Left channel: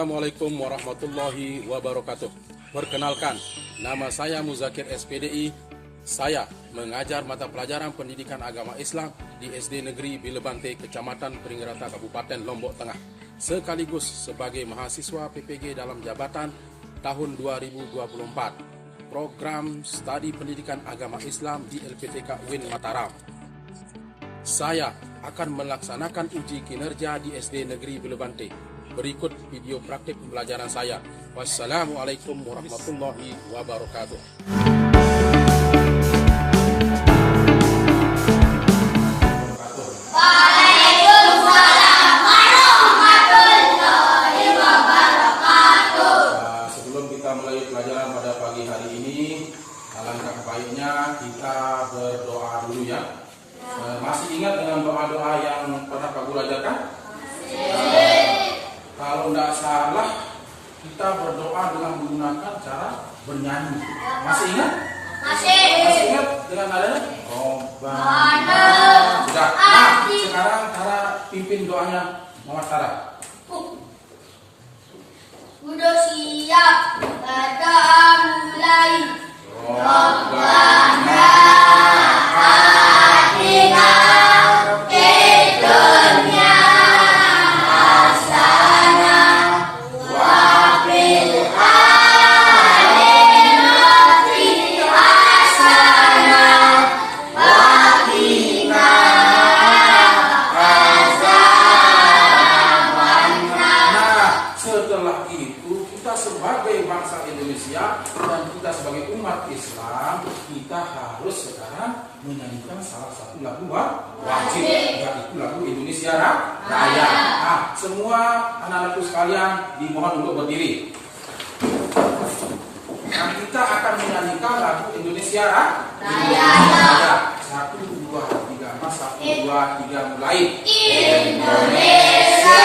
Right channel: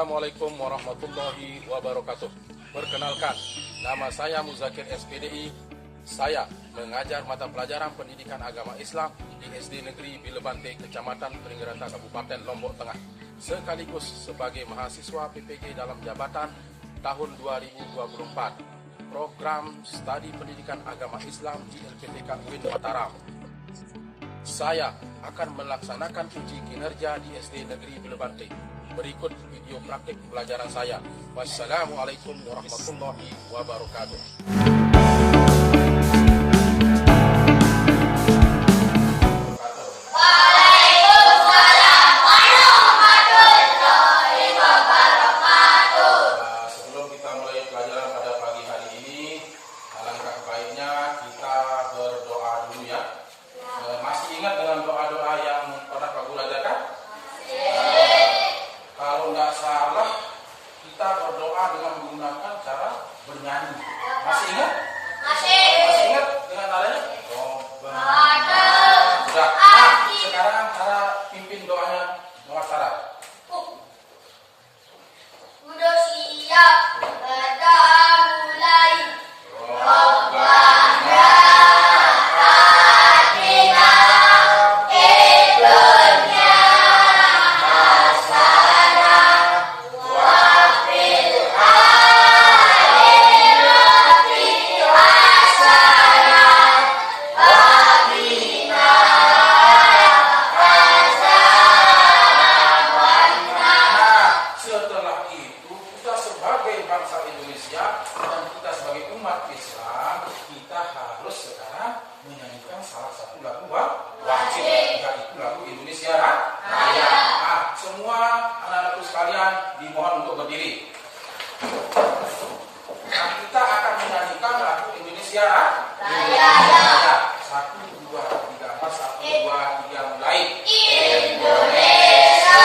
Assalamualaikum warahmatullahi wabarakatuh. Perkenalkan, nama saya Muzakir SPDI. Saya mengajar mata pelajaran pendidikan agama Islam di SD Negeri Bilebante, Kecamatan Pringgerata, Kabupaten Lombok Tengah, sekaligus sebagai mahasiswa PPG dalam jabatan tahun 2024, program studi pendidikan agama Islam di LPTK UIN Mataram. Saya akan melaksanakan uji kinerja di SD Negeri Bilebante. Berikut video praktik pelajaran saya. Wassalamualaikum warahmatullahi wabarakatuh. Sebelum kita mulai pelajaran pada pagi hari ini, alangkah baiknya kita berdoa dulu ya. Masih ingat dengan doa-doa yang pernah Pak Guru ajarkan? Kalau tidak salah, kita berdoa dengan menggunakan cara bernyanyi. Masih ingat? Masih ingat dengan nadanya? Sudah. Nah, sekarang cara pimpin doanya Mama Sarah. Udah siap, kita mulai. Rabbana atina fid dunya hasanah wa fil akhirati hasanah wa qina Nah, setelah itu kita sebagai bangsa Indonesia dan kita sebagai umat Islam, kita harus sekarang menyanyikan salah satu lagu wajib, yaitu lagu Indonesia Raya. Nah, semua anak-anakku sekalian dimohon untuk berdiri. Nah, kita akan menyanyikan lagu Indonesia Raya. 1, 2, 3, 1, 2, 3, mulai. Indonesia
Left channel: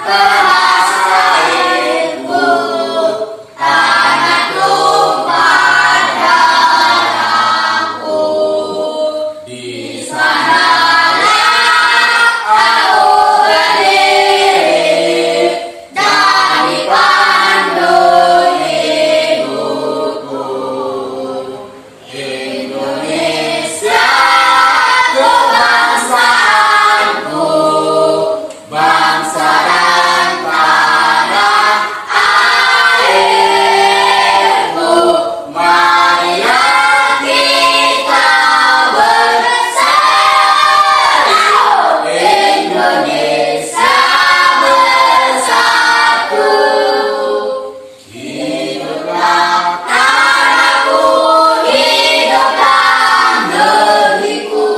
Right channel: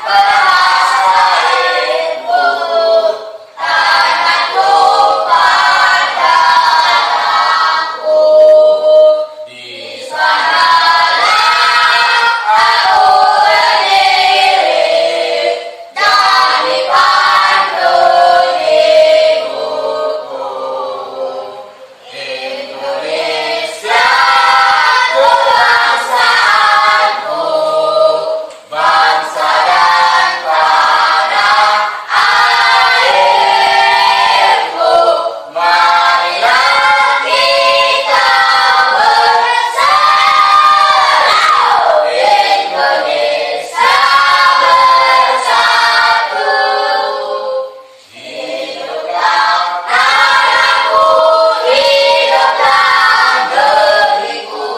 tanah airku, tanah tumpah darahku. Di Sanalah aku berdiri dan dipandu hidupku. Indonesia kebangsaanku, bangsa dan tanah airku. Marilah kita bersatu, Indonesia bersatu. Hiduplah tanahku, hiduplah negeriku,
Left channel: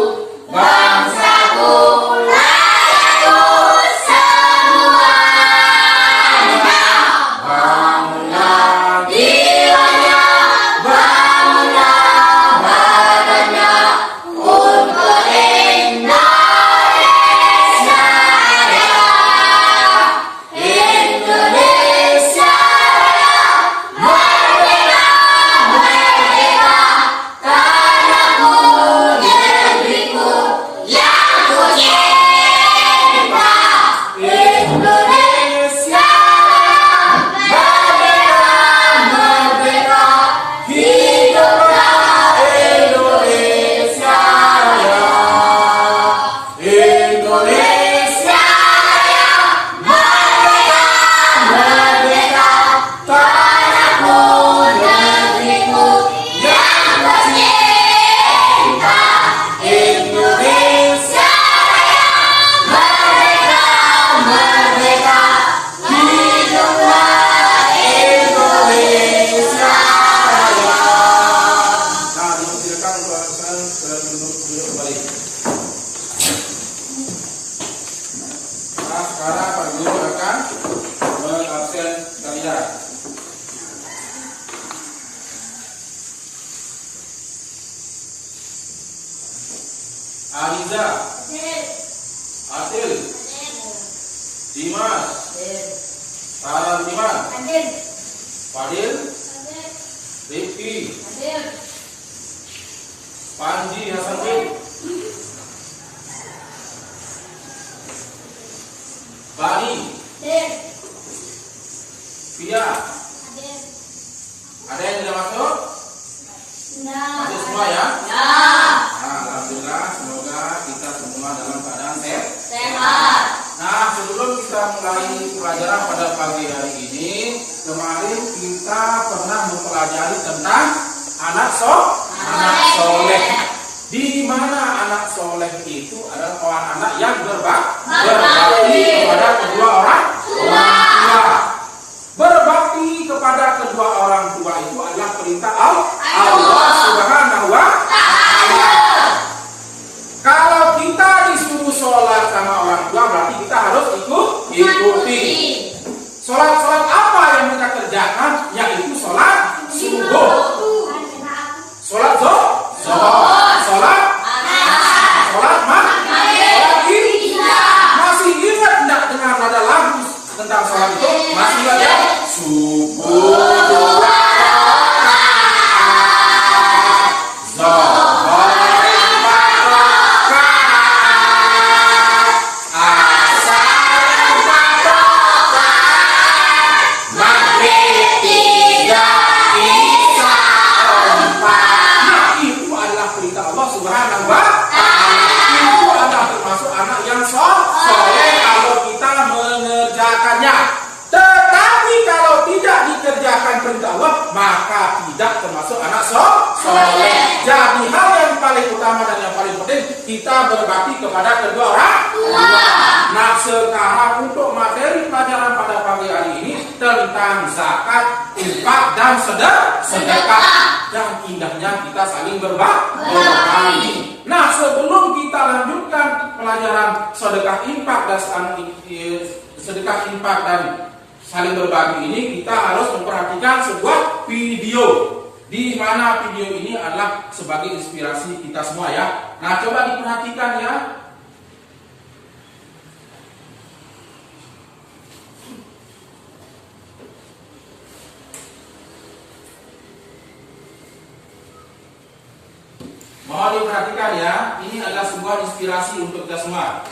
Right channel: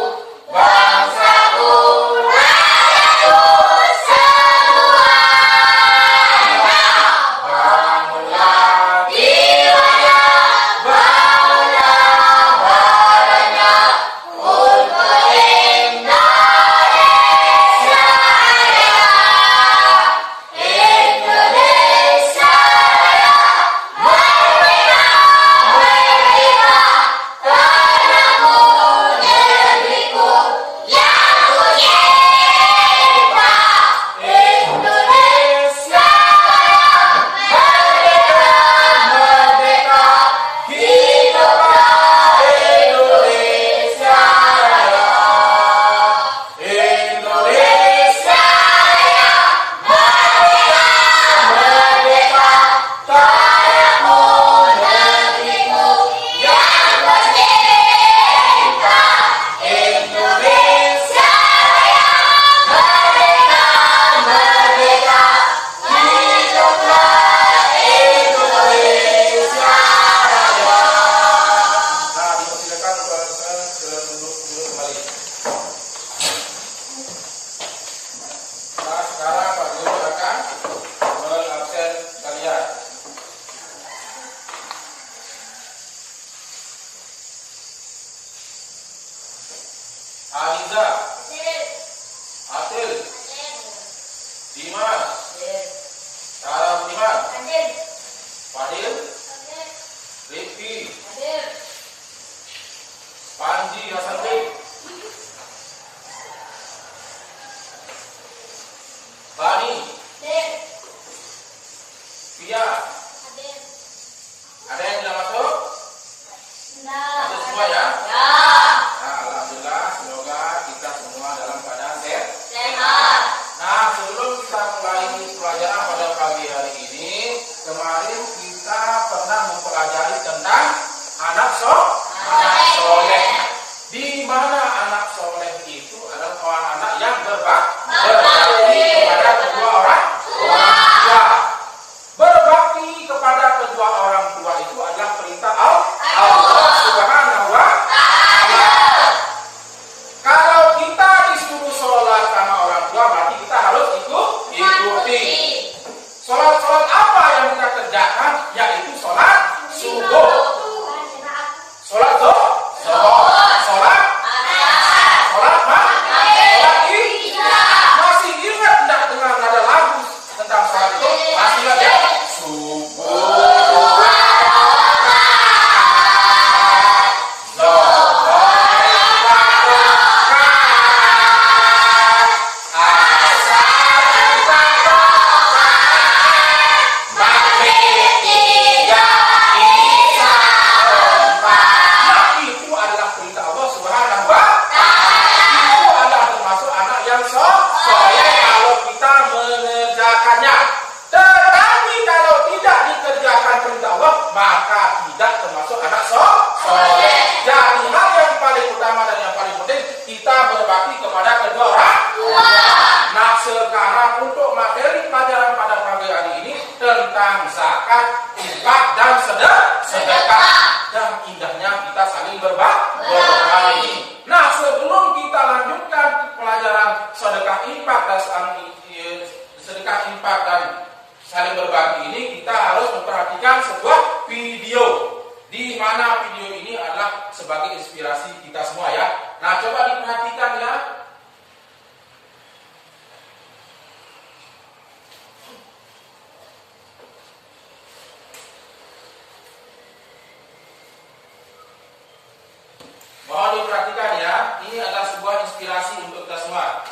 bangsaku, rakyatku semuanya. Bangunlah jiwanya, bangunlah badannya untuk Indonesia Raya. Indonesia Raya, merdeka, merdeka, tanahku, negeriku yang ku cinta. Indonesia Raya, merdeka, merdeka, hiduplah Indonesia Raya. Indonesia Raya, merdeka, merdeka, tanahku, negeriku yang ku cinta. Indonesia Raya, merdeka, merdeka, hiduplah Indonesia Raya. Nah, dipersilakan untuk duduk kembali. Nah, sekarang Pak Guru akan mengabsen kalian. Aliza, Atil, Dimas, Sarah Budiman, Fadil, Rifki, Panji Hasanuddin, Bani, mempelajari tentang anak soleh. Di mana anak soleh itu adalah orang anak yang berbakti kepada kedua orang tua. Berbakti kepada kedua orang tua itu adalah perintah Allah Subhanahu wa Ta'ala. Kalau kita disuruh sholat sama orang tua, berarti kita harus ikuti. Sholat apa yang kita kerjakan? Yaitu sholat subuh, sholat zuhur, sholat maghrib, sholat isya. Masih ingat tidak dengan nada lagu tentang sholat itu? Masih ingat ya? Subuh dua rakaat, zuhur empat rakaat, asar empat rakaat, maghrib tiga, isya empat. Nah, itu adalah perintah Allah Subhanahu wa Ta'ala. Itu adalah termasuk anak yang soleh kalau kita mengerjakannya. Tetapi kalau tidak dikerjakan perintah Allah, maka tidak termasuk anak soleh. Jadi hal yang paling utama dan yang paling penting, kita berbakti kepada kedua orang tua. Nah, sekarang untuk materi pelajaran pada pagi hari ini tentang zakat, infak, dan sedekah. Dan indahnya kita saling berbagi. Nah, sebelum kita lanjutkan pelajaran sedekah, infak, dan saling berbagi ini, kita harus memperhatikan sebuah video, di mana video ini adalah sebagai inspirasi kita semua ya. Nah, coba diperhatikan ya. Mohon diperhatikan ya, ini adalah sebuah inspirasi untuk kita semua.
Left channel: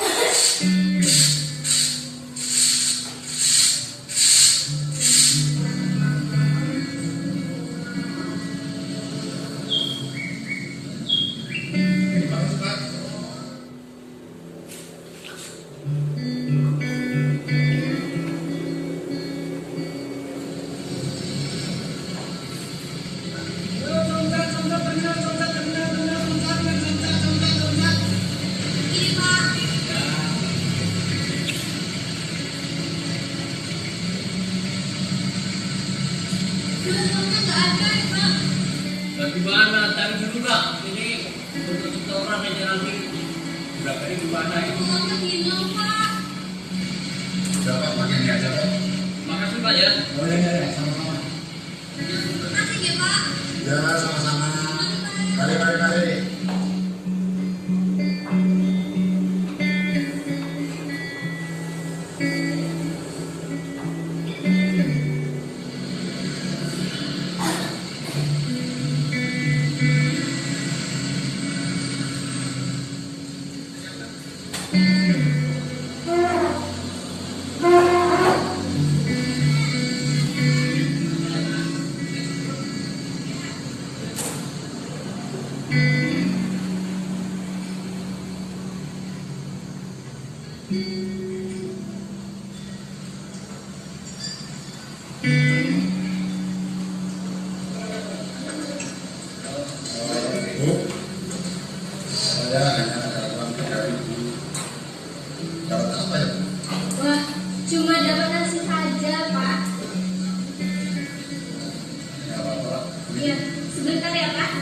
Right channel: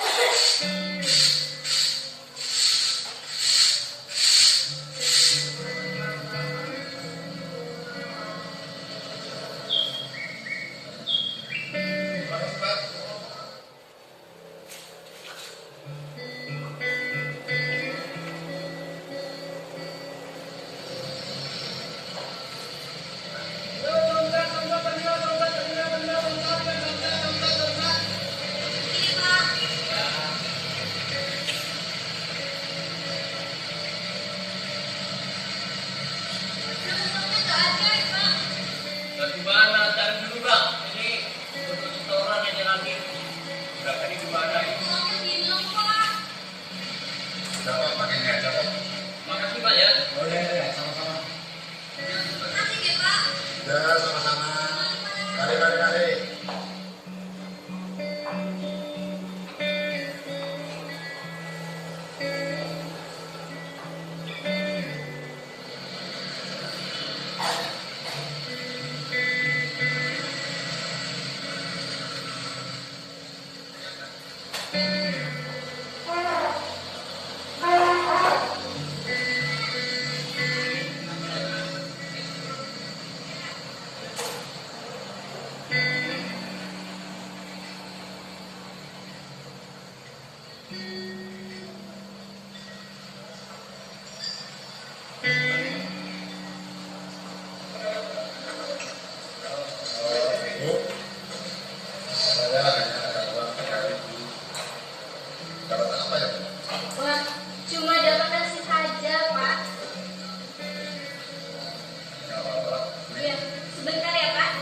Gimana tadi juga ini untuk orang yang ngambil nggak tadi gimana itu? Dapat pakai aja Pak. Makasih Pak ya. Oh ya, sama-sama. Makasih ya Pak. Ya sama-sama. Kali. Wah, cuma dapat nasi saja, Pak. Iya, sebentar ya, Pak.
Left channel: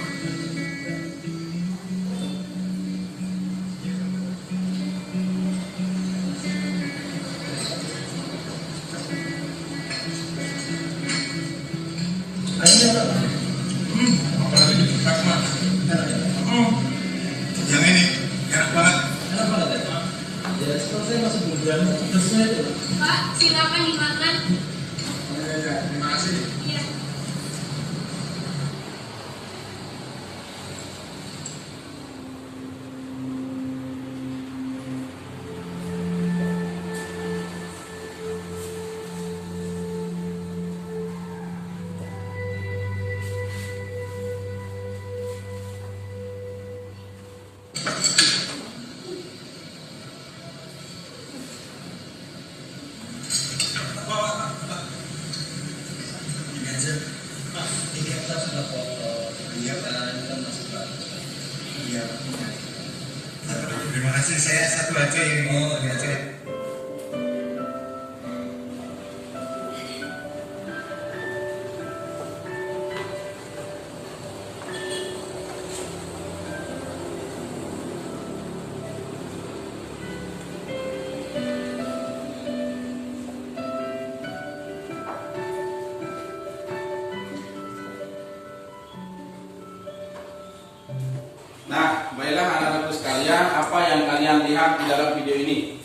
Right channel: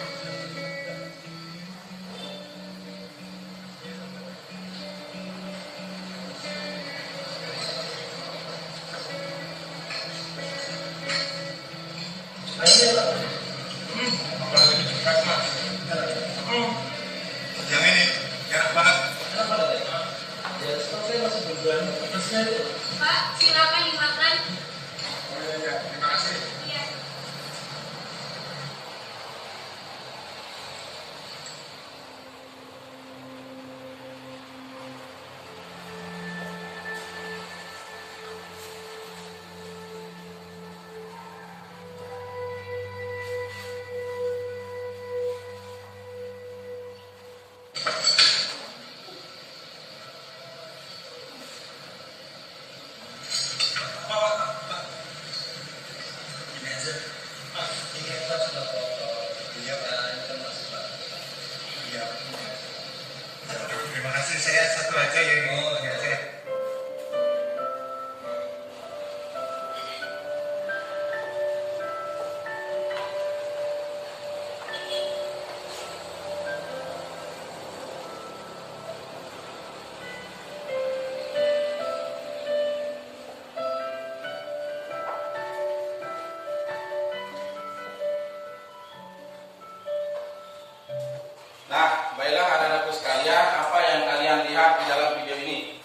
Yang ini enak banget. Pak, silakan dimakan. Terima kasih. Iya. saya satu aja yang mau diajak. Nah, baiklah anak-anakku sekalian, apa yang kalian lihat di dalam video ini?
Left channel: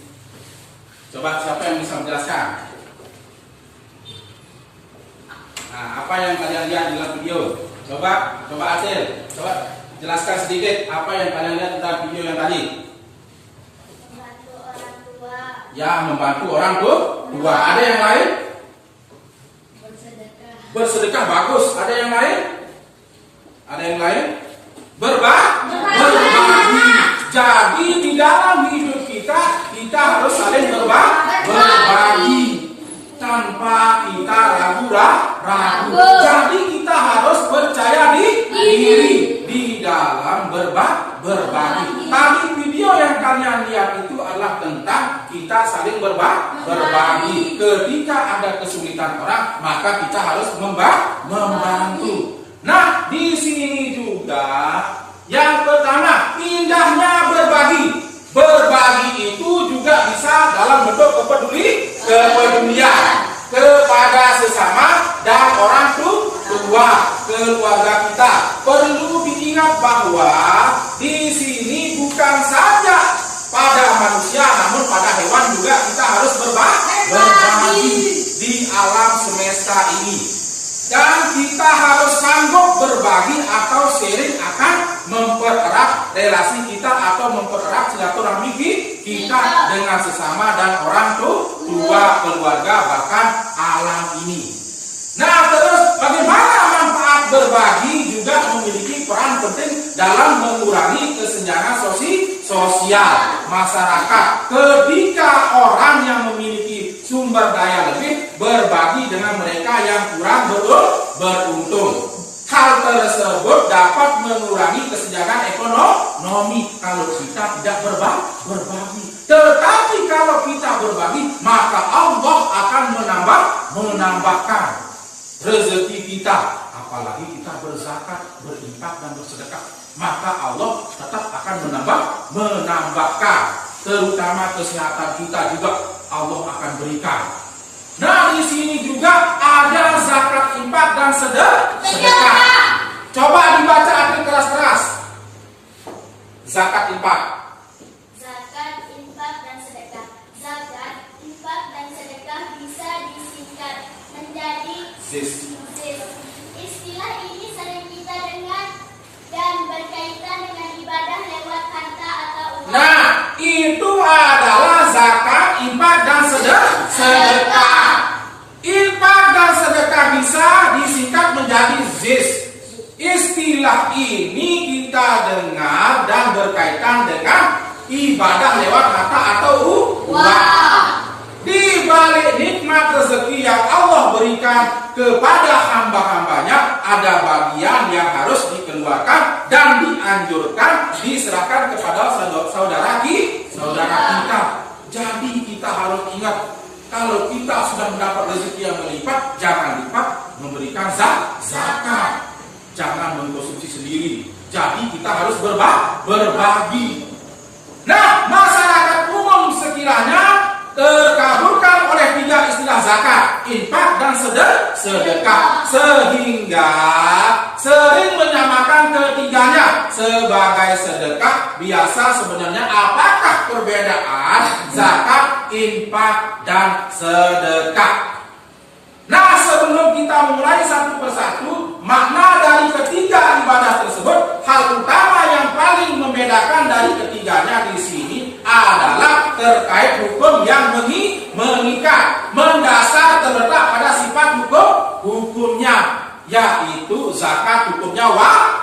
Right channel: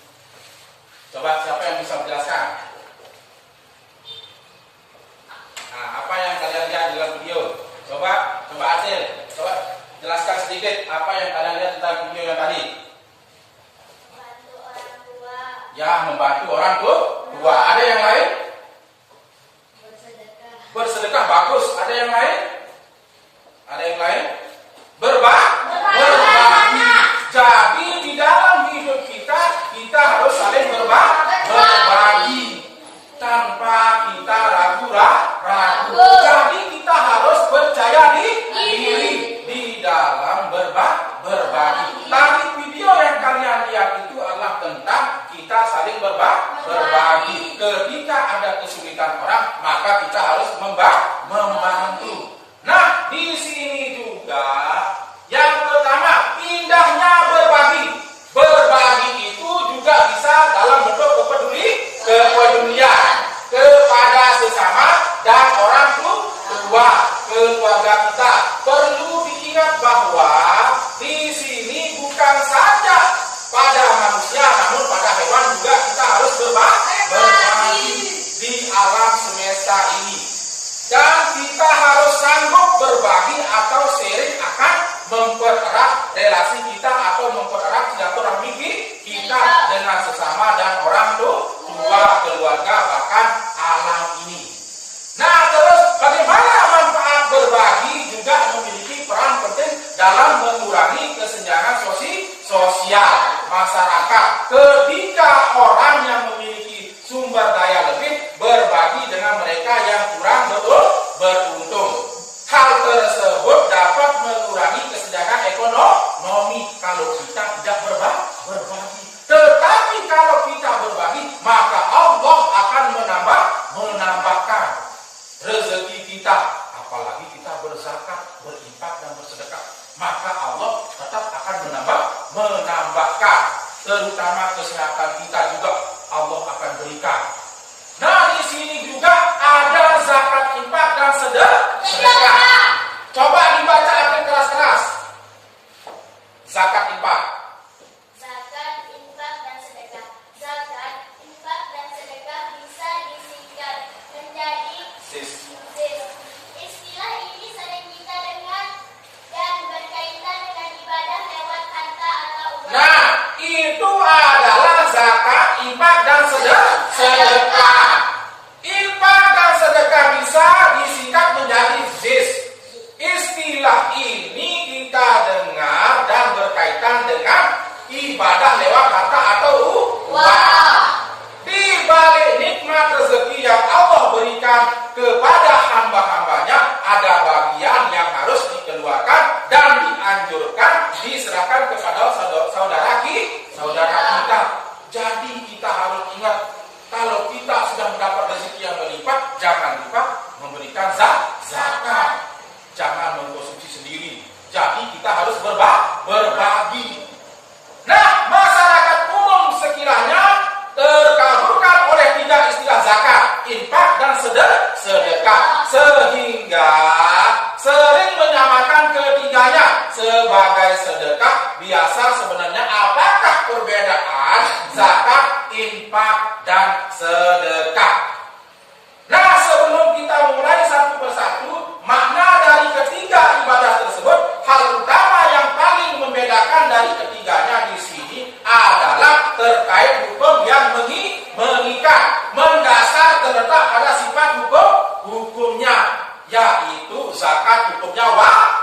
Coba siapa yang bisa menjelaskan? Nah, apa yang kalian lihat di dalam video? Coba Acil, coba jelaskan sedikit apa yang kalian lihat di dalam video yang tadi. Membantu orang tua. Ya, membantu orang tua. Ada yang lain? Bersedekah. Bersedekah, bagus. Ada yang lain? Ada yang lain? Berbagi. Jadi di dalam hidup kita harus saling berbagi tanpa kita ragu. Jadi kita harus percaya diri di dalam berbagi. Tadi video yang kalian lihat itu adalah tentang kita saling berbagi. Ketika ada kesulitan orang, maka kita harus membantu. Nah, di sini juga yang pertama, indahnya berbagi. Berbagi itu juga bisa dalam bentuk kepedulian kepada sesama dan orang tua, keluarga kita. Perlu diingat bahwa di sini bukan saja pada manusia, namun pada hewan juga kita harus berbagi di alam semesta ini. Dan kita harus sanggup berbagi atau sharing akan mempererat relasi kita atau mempererat silaturahmi kita dengan sesama dan orang tua, keluarga, bahkan alam ini. Nah, terus bagaimana manfaat berbagi juga memiliki peran penting dalam mengurangi kesenjangan sosial masyarakat. Ketika orang yang memiliki sumber daya lebih berbagi dengan mereka yang kurang beruntung, hal tersebut dapat mengurangi kesenjangan ekonomi kalau kita tidak berbagi. Tetapi kalau kita berbagi, maka Allah akan menambahkan rezeki kita. Apalagi kita berzakat, berinfak dan bersedekah, maka Allah tetap akan menambahkan. Terutama kesehatan kita juga Allah akan berikan. Nah, di sini juga ada zakat, infak dan sedekah. Coba dibaca arti keras-keras. Zakat, infak. Zakat, infak, dan sedekah. Zakat, infak, dan sedekah bisa disingkat menjadi Zis. Istilah ini sering kita dengar dan berkaitan dengan ibadah lewat harta atau uang. Nah, itu adalah zakat, infak, dan sedekah. Infak dan sedekah bisa disingkat menjadi zis. Istilah ini kita dengar dan berkaitan dengan ibadah lewat harta atau uang. Di balik nikmat rezeki yang Allah berikan kepada hamba-hambanya, ada bagian yang harus dikeluarkan dan dianjurkan diserahkan kepada saudara kita. Jadi kita harus ingat, kalau kita sudah mendapat rezeki yang melimpah, jangan lupa memberikan zakat. Jangan mengkonsumsi sendiri. Jadi kita harus berbagi. Nah, masyarakat umum sekiranya terkabulkan oleh tiga istilah zakat, infak, dan sedekah, sehingga sering menyamakan ketiganya sebagai sedekah. Biasa sebenarnya apakah perbedaan zakat, infak, dan sedekah? Nah, sebelum kita mulai satu persatu makna dari ketiga ibadah tersebut, hal utama yang paling membedakan dari ketiganya di sini adalah terkait hukum yang mengikat. Mendasar terletak pada sifat hukumnya, yaitu zakat hukumnya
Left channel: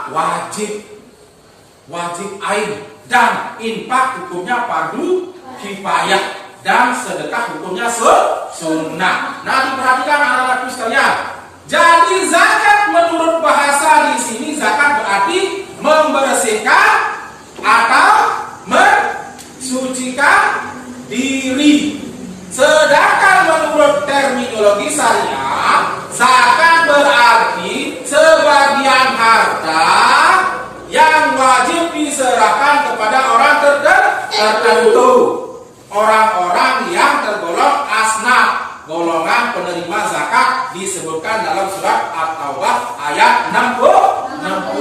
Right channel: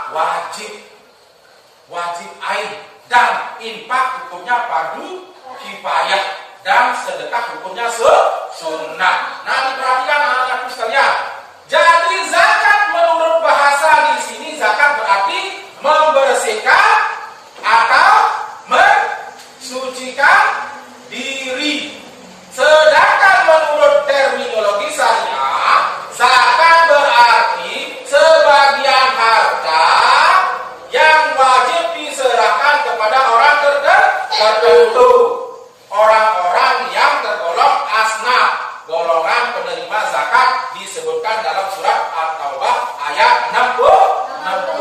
wajib ain, dan infak hukumnya fardu kifayah, dan sedekah hukumnya sunnah. Nah, diperhatikan anak-anakku sekalian. Jadi zakat menurut bahasa di sini, zakat berarti membersihkan atau mensucikan. ayat 60.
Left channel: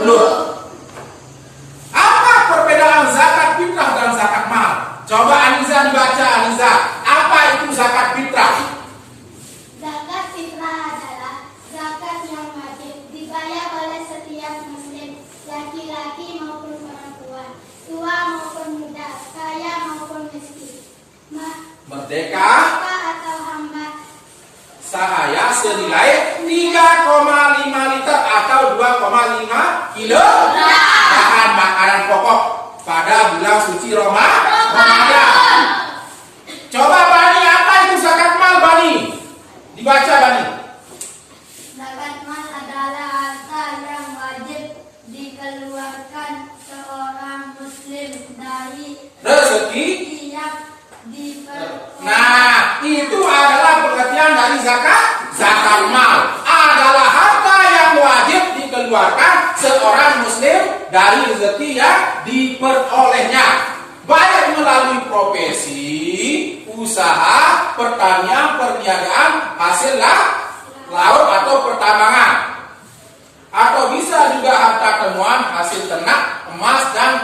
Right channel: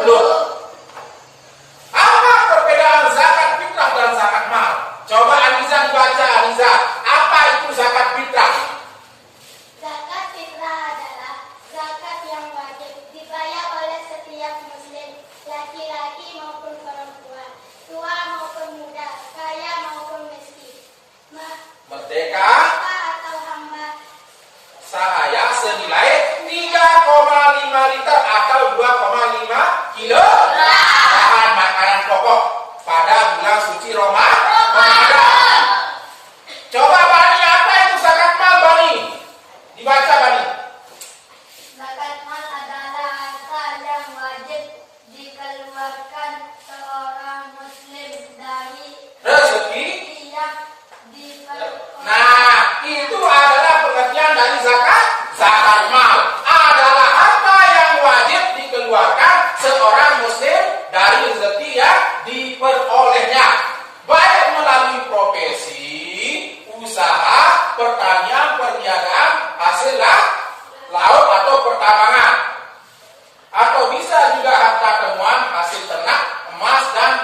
Apa perbedaan zakat fitrah dan zakat mal? Coba Aniza dibaca, Aniza. Apa itu zakat fitrah? Zakat fitrah adalah zakat yang wajib dibayar oleh setiap muslim, laki-laki maupun perempuan, tua maupun muda, kaya maupun miskin, Merdeka atau hamba, sahaya senilai 3,5 liter atau 2,5 kilo bahan makanan pokok pada bulan suci Ramadan. Coba Bani, apa itu zakat mal, Bani? Dibaca, Bani. zakat mal adalah harta yang wajib dikeluarkan seorang muslim dari Rezeki. yang diperoleh. Nah, itu adalah pengertian dari zakat. Zakat mal adalah harta yang wajib dikeluarkan seorang muslim dari rezeki yang diperolehnya, baik melalui profesi, usaha, pertanian, perniagaan, hasil laut atau pertambangan, atau bisa juga harta temuan hasil ternak, emas dan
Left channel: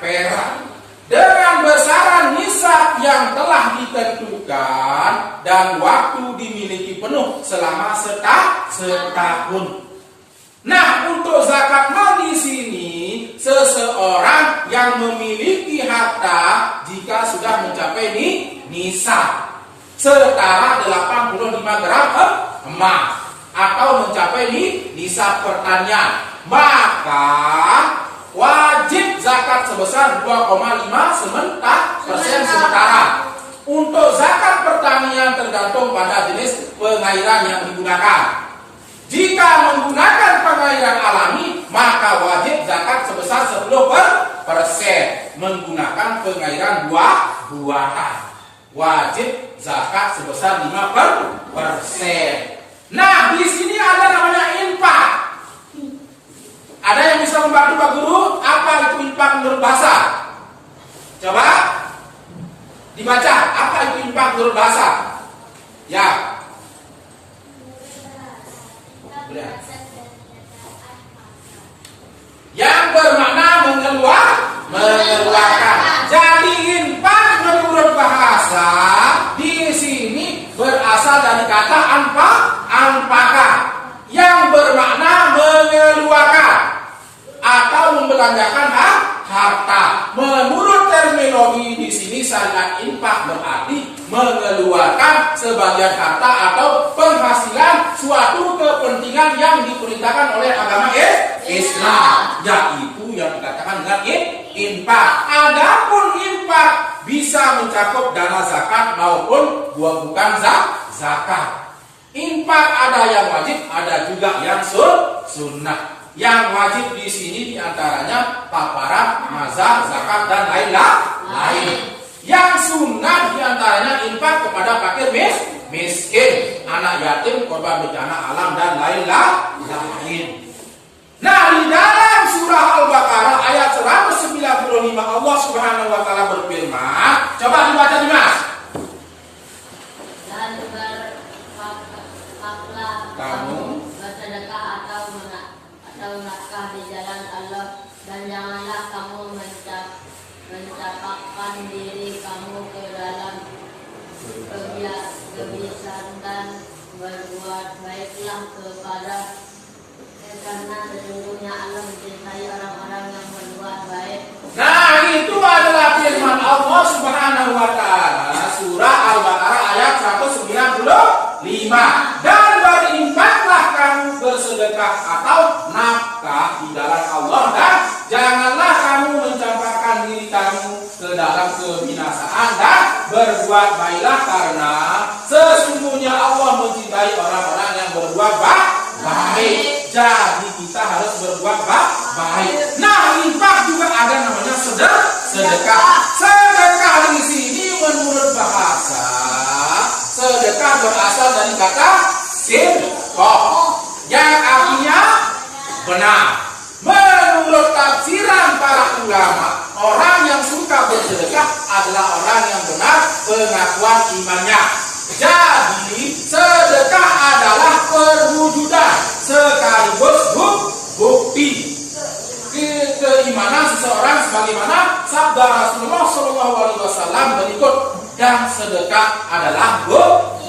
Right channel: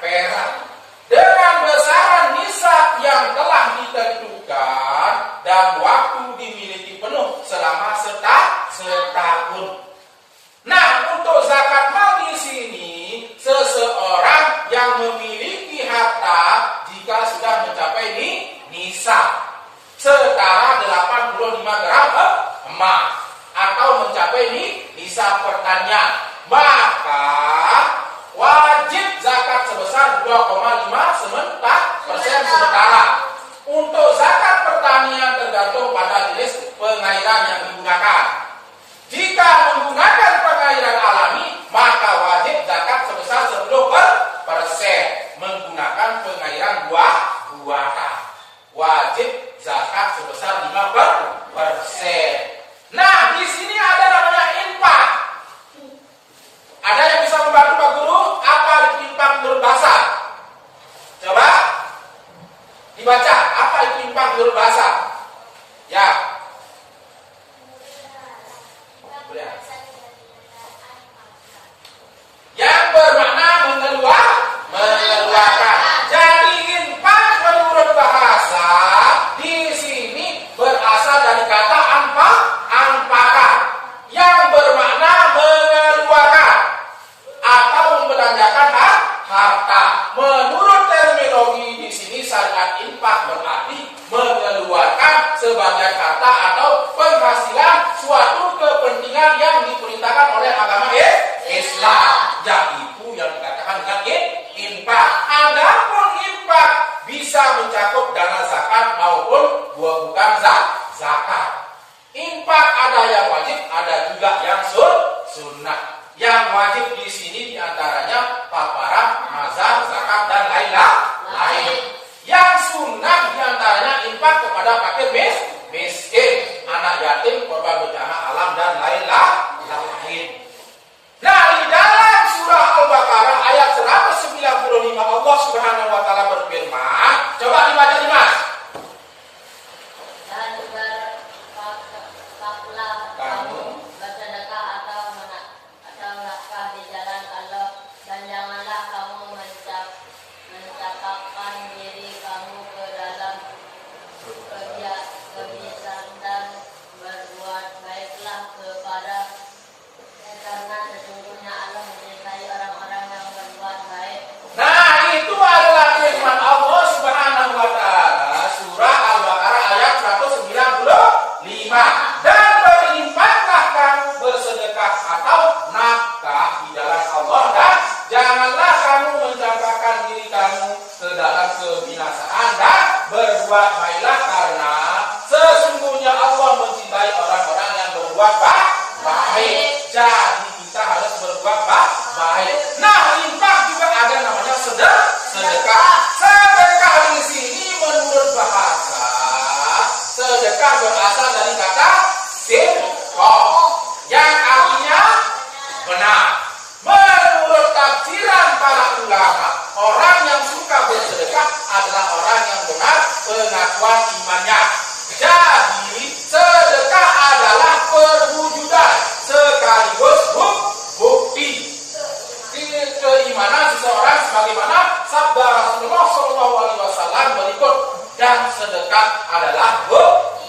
perak. Dengan besaran nisab yang telah ditentukan dan waktu dimiliki penuh selama setahun. Nah, untuk zakat mal di sini seseorang yang memiliki harta jika sudah mencapai nisab setara 85 gram emas atau mencapai nisab pertanian, maka wajib zakat sebesar 2,5% sementara. Untuk zakat pertanian tergantung pada jenis pengairan yang digunakan. Jika menggunakan pengairan alami, maka wajib zakat sebesar 10%. Menggunakan pengairan buatan, wajib zakat sebesar 5%. Nah, di sini ada namanya infak. Ada yang bisa membantu Pak Guru? Apa itu infak menurut bahasa? Coba dibaca. Apa itu infak menurut bahasa? Ya. Yang bermakna mengeluarkan. Jadi infak menurut bahasa di sini berasal dari kata anfakan yang bermakna mengeluarkan atau membelanjakan harta. Menurut terminologi di sini syariat infak berarti mengeluarkan sebagian harta atau penghasilan suatu kepentingan yang diperintahkan oleh agama Islam, yaitu yang dikatakan dengan infak. Adapun infak bisa mencakup dana zakat maupun bukan zakat. Infak ada yang wajib, ada juga yang sunnah. Yang wajib di sini diantaranya kafarat, mazhar, zakat dan lain-lain. Yang sunnah diantaranya infak kepada fakir miskin, anak yatim, korban bencana alam dan lain-lain. Nah, di dalam surah Al-Baqarah ayat 195 Allah Subhanahu wa taala berfirman, coba dibaca Mas. Dan kamu bersedekah atau nafkah di jalan Allah, dan janganlah kamu mencapakkan diri kamu ke dalam kebiasaan, dan berbuat baiklah kepada, karena sesungguhnya Allah mencintai orang-orang yang berbuat baik. Nah, itu adalah firman Allah Subhanahu wa taala surah Al-Baqarah ayat 195. Dan berinfaklah kamu, bersedekah atau nafkah di jalan Allah, dan janganlah kamu mencampakkan diri kamu ke dalam kebinasaan, dan berbuat baiklah karena sesungguhnya Allah mencintai orang-orang yang berbuat baik. Jadi kita harus berbuat baik. Nah, infak juga ada namanya sedekah. Sedekah di sini menurut bahasa, sedekah berasal dari kata sedekah yang artinya benar. Menurut tafsiran para ulama, orang yang suka bersedekah adalah orang yang benar pengakuan imannya. Jadi sedekah adalah perwujudan sekaligus bukti keimanan seseorang sebagaimana sabda Rasulullah SAW berikut, dan sedekah adalah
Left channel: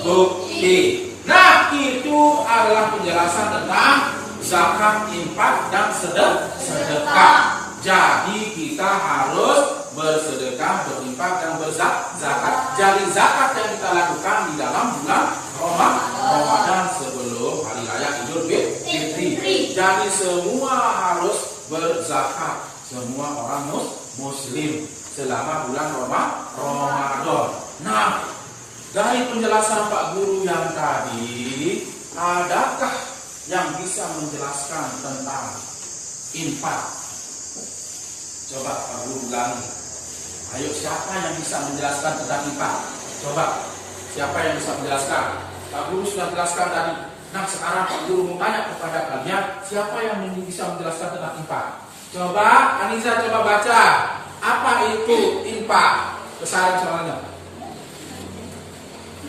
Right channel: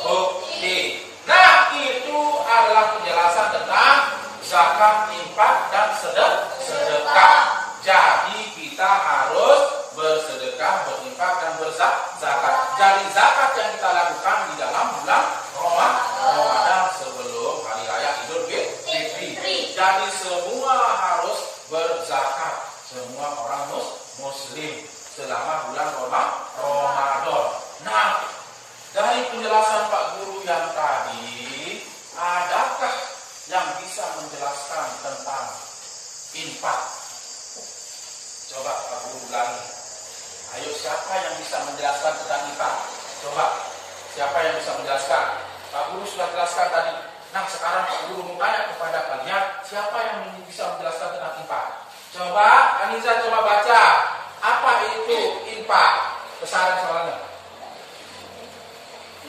bukti. Nah, itu adalah penjelasan tentang zakat, infak, dan sedekah. Jadi kita harus bersedekah, berinfak, dan berzakat. Jadi zakat yang kita lakukan di dalam bulan Ramadan sebelum hari raya Idul Fitri. Jadi semua harus berzakat, semua orang muslim selama bulan Ramadan. Nah, dari penjelasan Pak Guru yang tadi, adakah yang bisa menjelaskan tentang infak? Coba Pak Guru ulangi. Ayo, siapa yang bisa menjelaskan tentang infak? Coba, siapa yang bisa menjelaskan? Pak Guru sudah jelaskan tadi. Nah, sekarang Pak Guru mau tanya kepada kalian, siapa yang bisa menjelaskan tentang infak? Coba, Anissa coba baca. Apa itu infak? Besaran soalnya.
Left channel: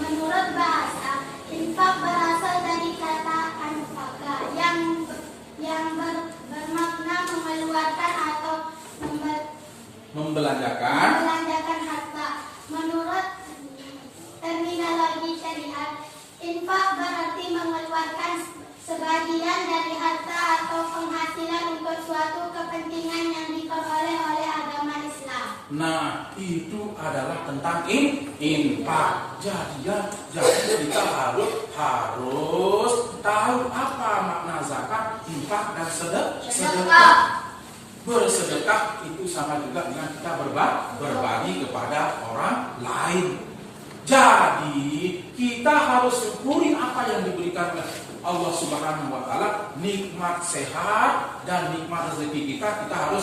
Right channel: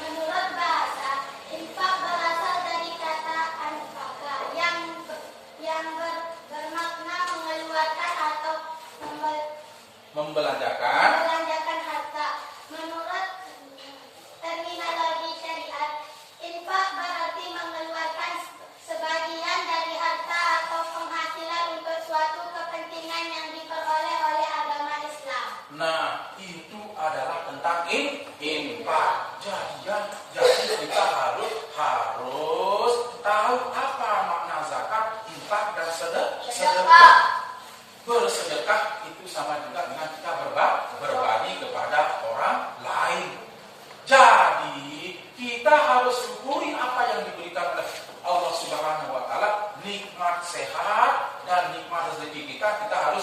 Menurut bahasa, infak berasal dari kata anfaqa yang bermakna mengeluarkan atau Membelanjakan harta. Menurut terminologi syariat, infak berarti mengeluarkan sebagian dari harta atau penghasilan untuk suatu kepentingan yang diperoleh oleh agama Islam. Nah, itu adalah tentang infak. Jadi kita harus tahu apa makna zakat, infak, dan sedekah. Bersedekah itu sama juga dengan kita berbagi kepada orang lain. Jadi kita harus syukuri apa yang diberikan oleh Allah Subhanahu wa Ta'ala, nikmat sehat dan nikmat rezeki kita harus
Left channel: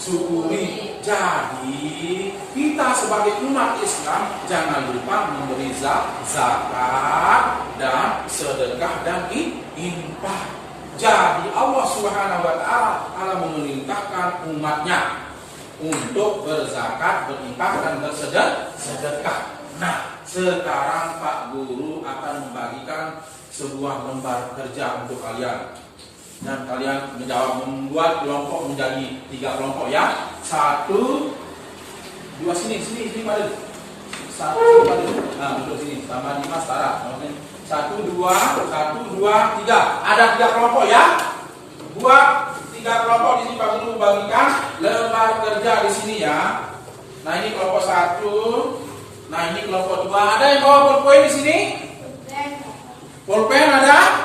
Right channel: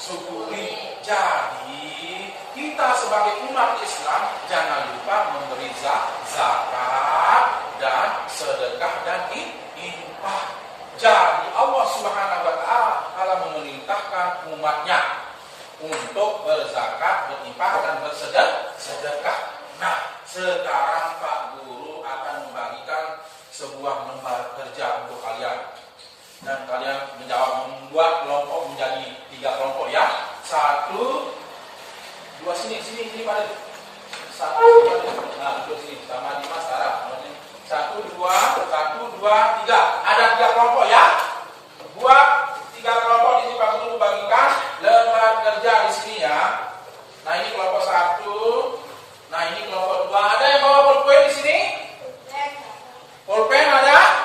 syukuri. Jadi kita sebagai umat Islam jangan lupa memberi zakat dan sedekah dan infak. Jadi Allah Subhanahu wa Ta'ala memerintahkan umatnya untuk berzakat, berinfak, dan bersedekah. Nah, sekarang Pak Guru akan membagikan sebuah lembar kerja untuk kalian. Dan kalian membuat kelompok menjadi 3 kelompok ya. 1, 2 sini pada. 1 pada. Nah, duduk sini sama Dimas Tara. 1, 2, 3. Ada 3 kelompok ya. Buat 3 kelompok di sini Pak Guru membagikan lembar kerja di sini ya. Nah, ini kelompok 1. Nah, ini kelompok 2. Ada yang bawa pulpen di sini? Pulpen ada?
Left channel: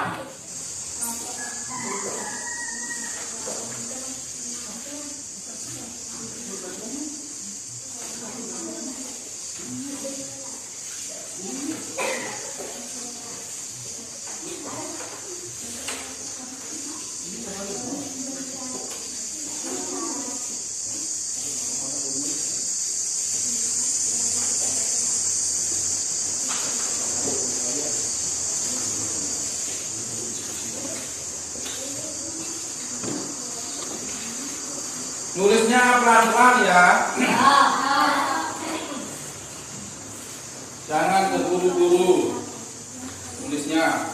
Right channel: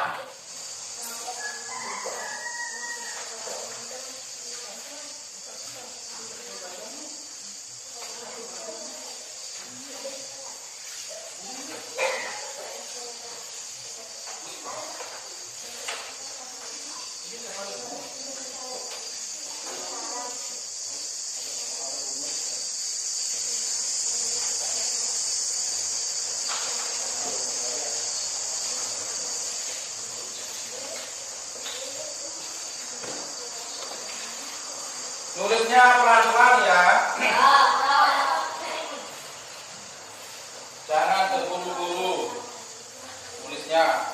Nulisnya pelan-pelan ya. Jangan terburu-buru nulisnya.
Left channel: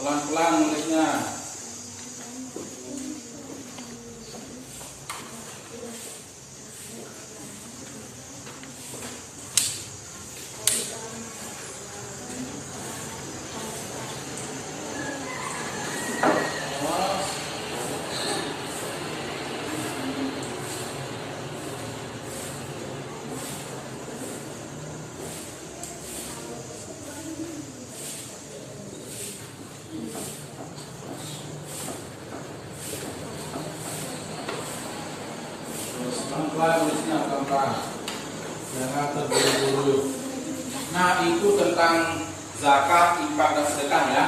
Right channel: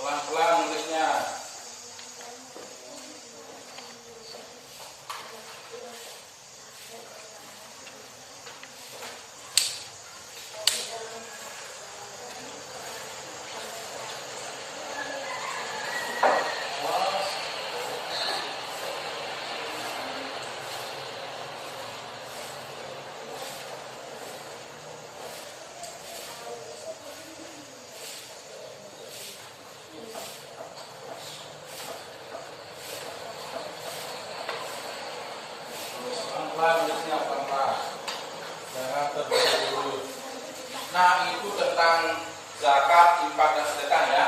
Pelan-pelan nulisnya. Jangan terburu-buru. Nah, itu tentang zakat, infak, dan sedekah ya.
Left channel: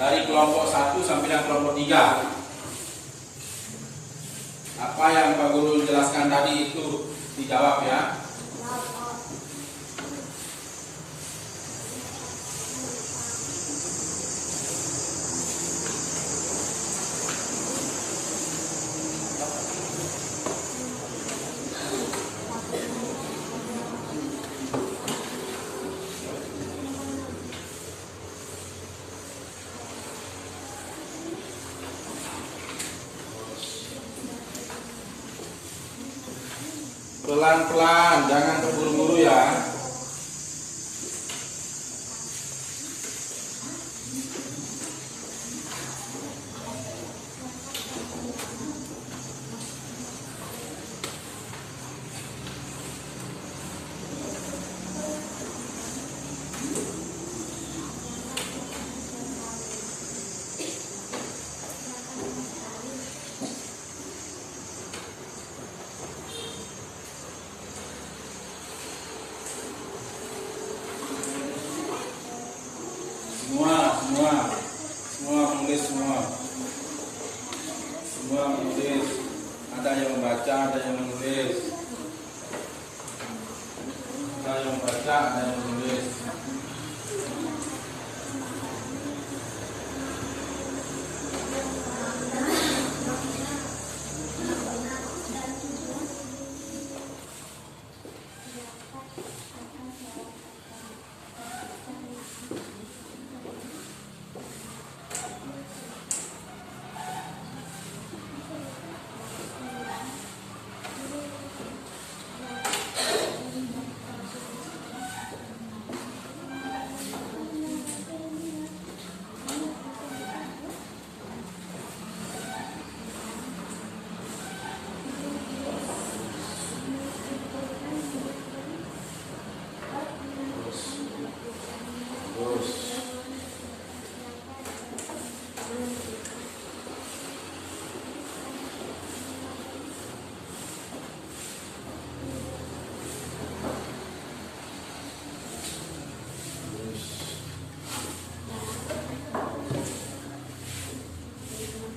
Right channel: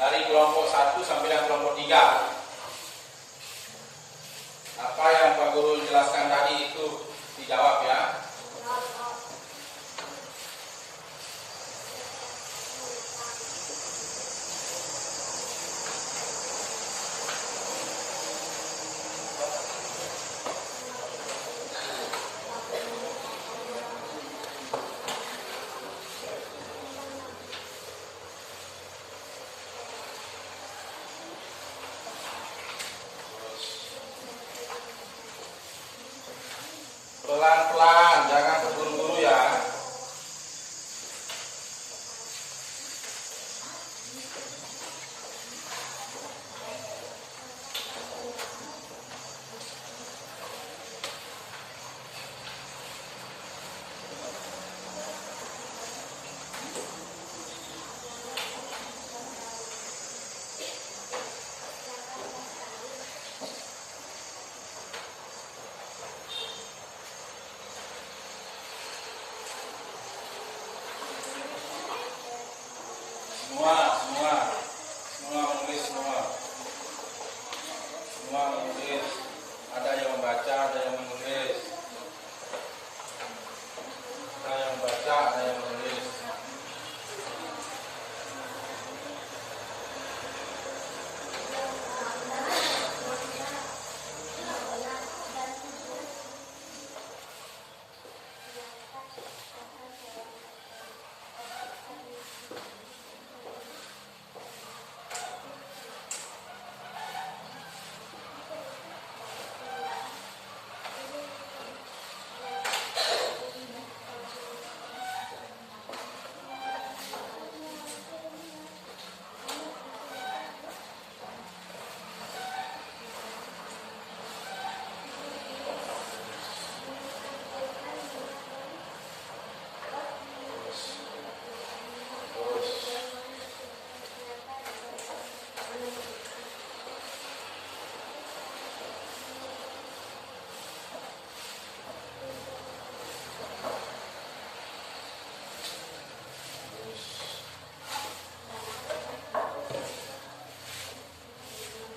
Dari kelompok 1 sampai yang kelompok 3. Apa yang Pak Guru jelaskan tadi itu dijawab ya. Pelan-pelan, jangan terburu-buru ya. Semua menulis semua. Semua menulis. Ada yang membaca, ada yang menulis. Ada yang membaca, ada yang menulis.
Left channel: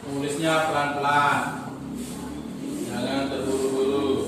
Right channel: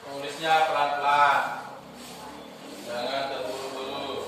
Tulisnya pelan-pelan, jangan terburu-buru.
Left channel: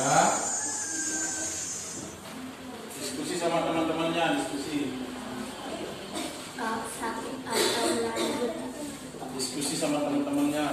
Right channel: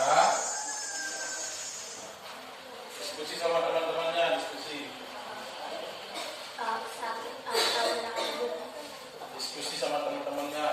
Nah, diskusi sama teman-temannya, diskusi sama teman-temannya.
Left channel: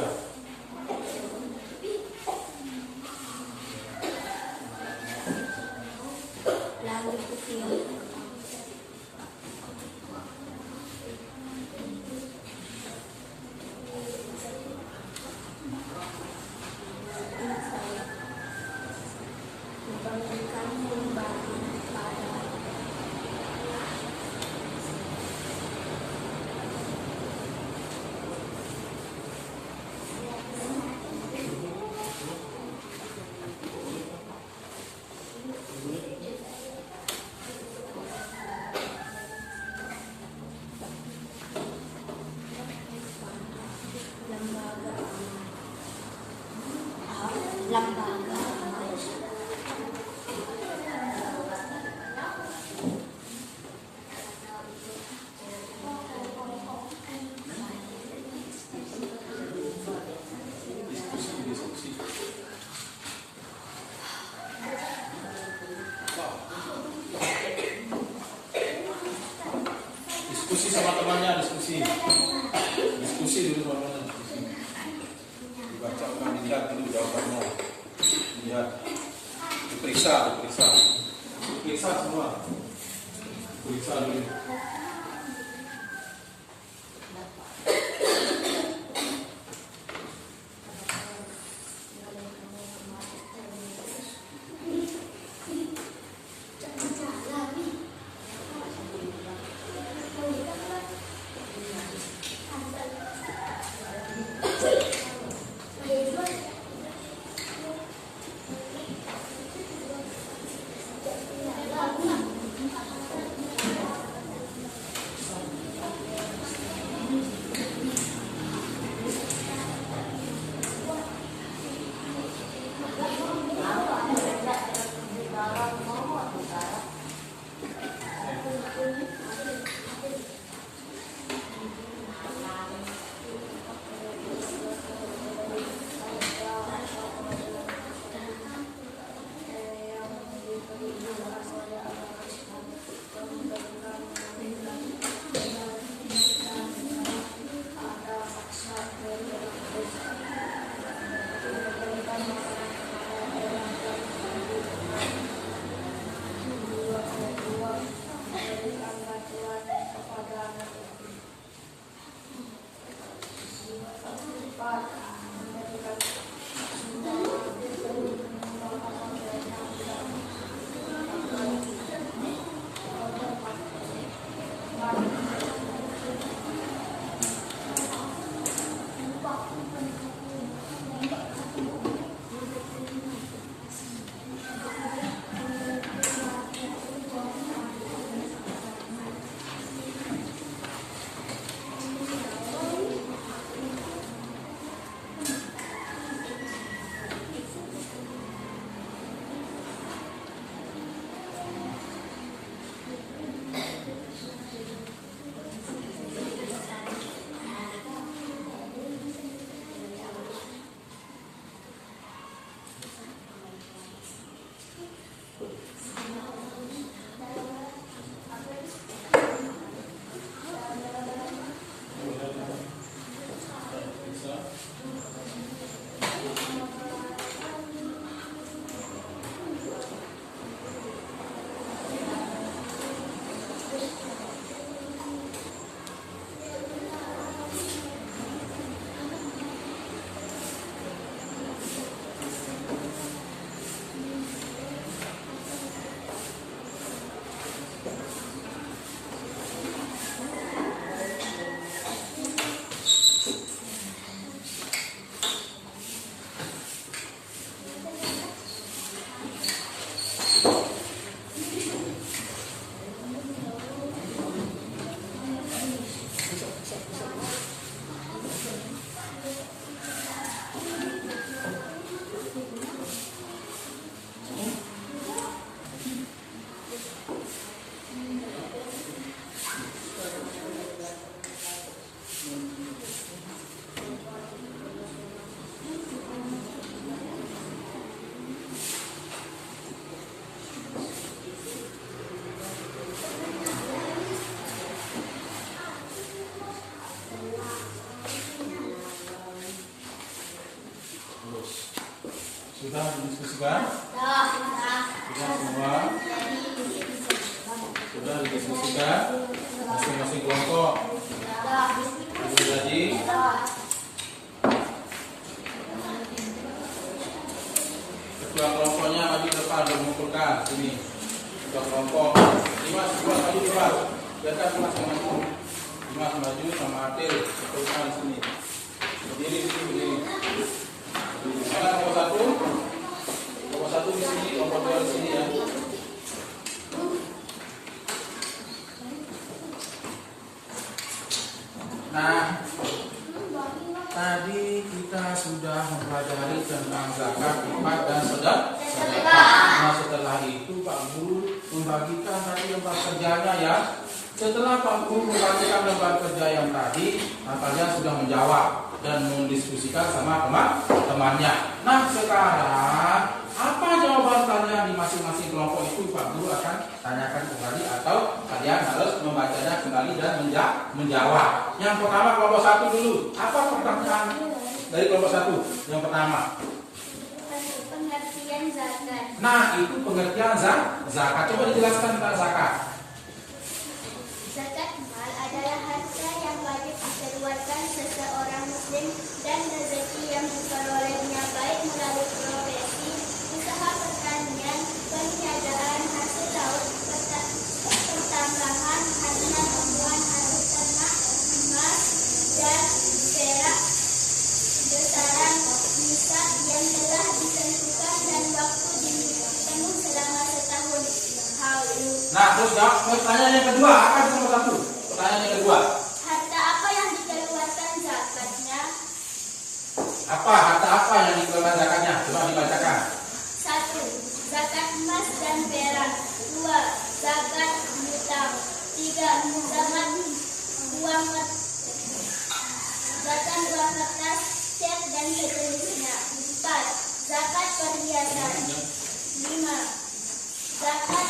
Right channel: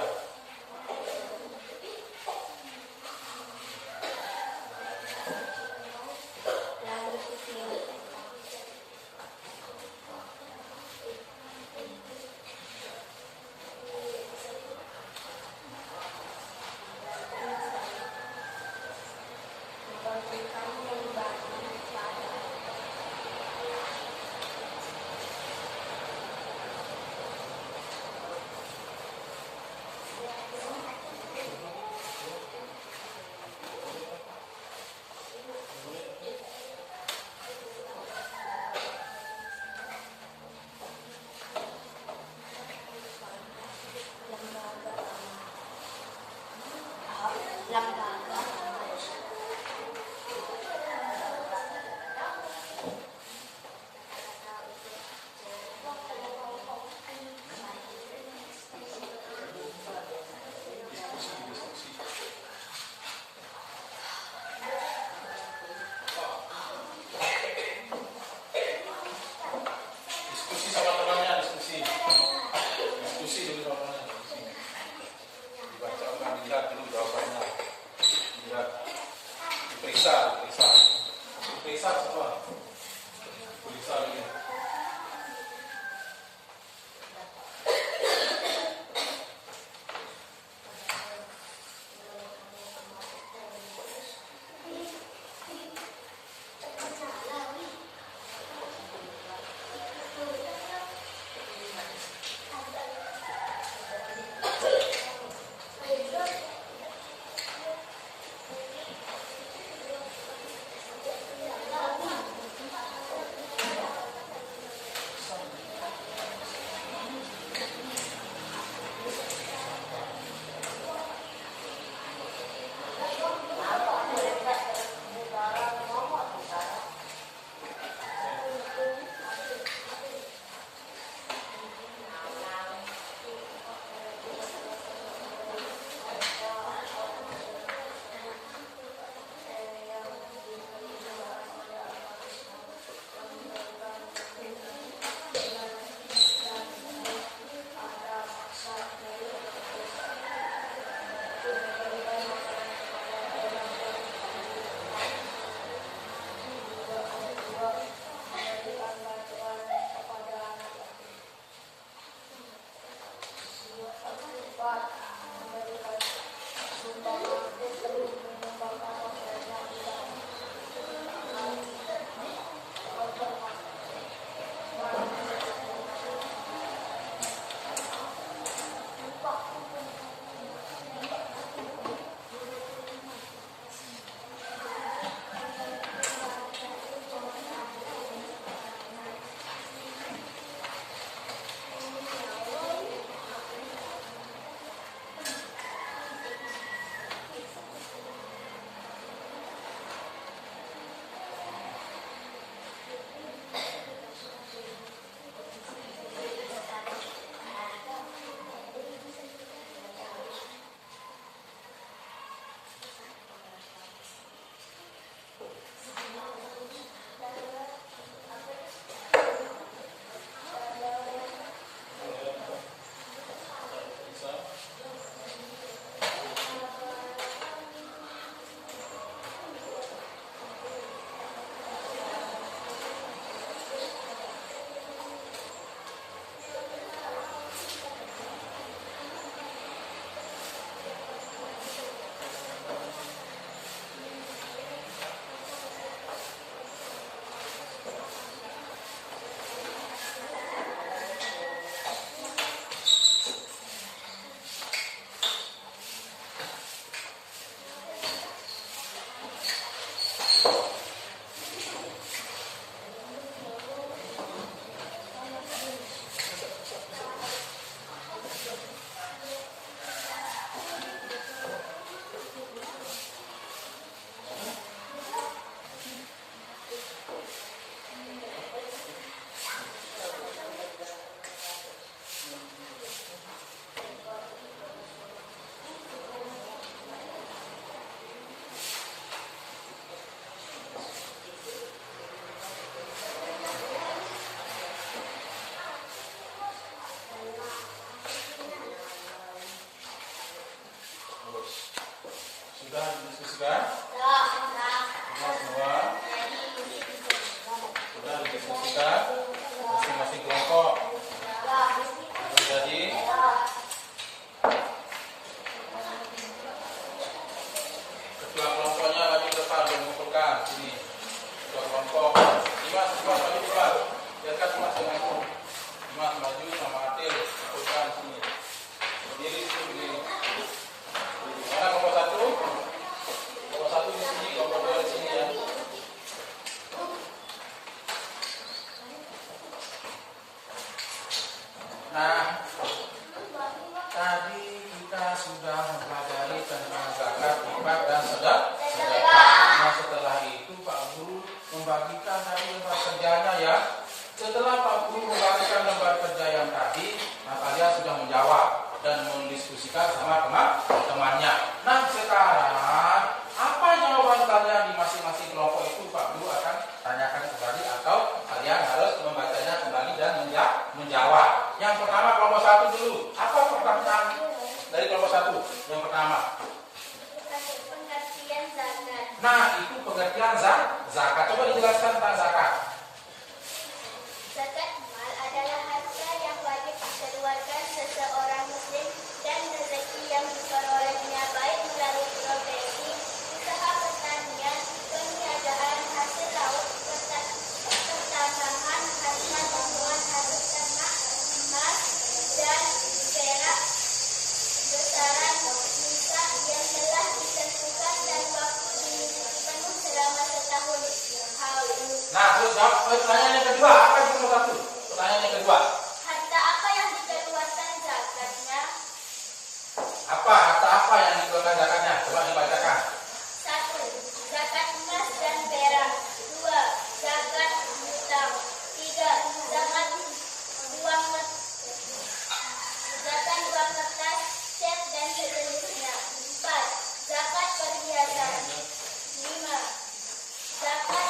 Diskusi sama temannya, diskusi dulu sama temannya, dibaca ulang, dilihat dulu jawabannya, lihat, diperiksa semua, diperiksa dulu. Sudah semua? Sudah didiskusikan masing-masing kelompok. Sudah jadi. Ketua kelompoknya maju depan mengumpulkan sini. Ketua kelompok. Dimas maju depan. Biarkan masing-masing. Dimas maju sama Atil kumpulkan sini. Berdiri di sini. Mana kelompok satu? Kelompok satu di sini, kelompok dua di sini ya. Nah, tadi kita sudah mempelajari tentang zakat, infak dan sedekah. Nah, setelah itu Pak Guru membagikan tadi lembar kerjanya ya. Setelah Pak Guru membagikan lembar kerja yang tadi, maka dia sudah menjawab dan mendiskusikan sama teman-temannya. Nah, sekarang apa jawaban kalian di masing-masing kelompok itu Pak Guru akan tanyakan kembali atau kalian harus membacanya kembali dan menjawab. Yang pertama kelompok satu dulu. Apa pertanyaan dari kelompok satu? Yang pertama. Pengertian zakat. Nah, itu pengertian zakat. Coba dijelaskan tentang zakat. Zakat mal adalah harta yang wajib dikeluarkan seseorang muslim dan rezeki yang diperolehnya baik melalui profesi, usaha pertanian, peniadaan hasil laut, pertambangan, hasil tumbuhan, hasil ternak, emas dan perak, besaran nisab yang telah ditentukan dan waktu dipenuh selama setahun. Nah, terus jawab pertanyaan yang kedua. Apa itu kelompok satu? Pertanyaan yang kedua. Harta apa yang dikeluarkan zakatnya? Apa harta apa yang dikeluarkan zakatnya? Coba dibacakan. 1. Zakat emas dan perak. 2. Zakat hutang. 3. Zakat uang kertas, cek dan sejenisnya. 4. Zakat perhiasan. 5. Zakat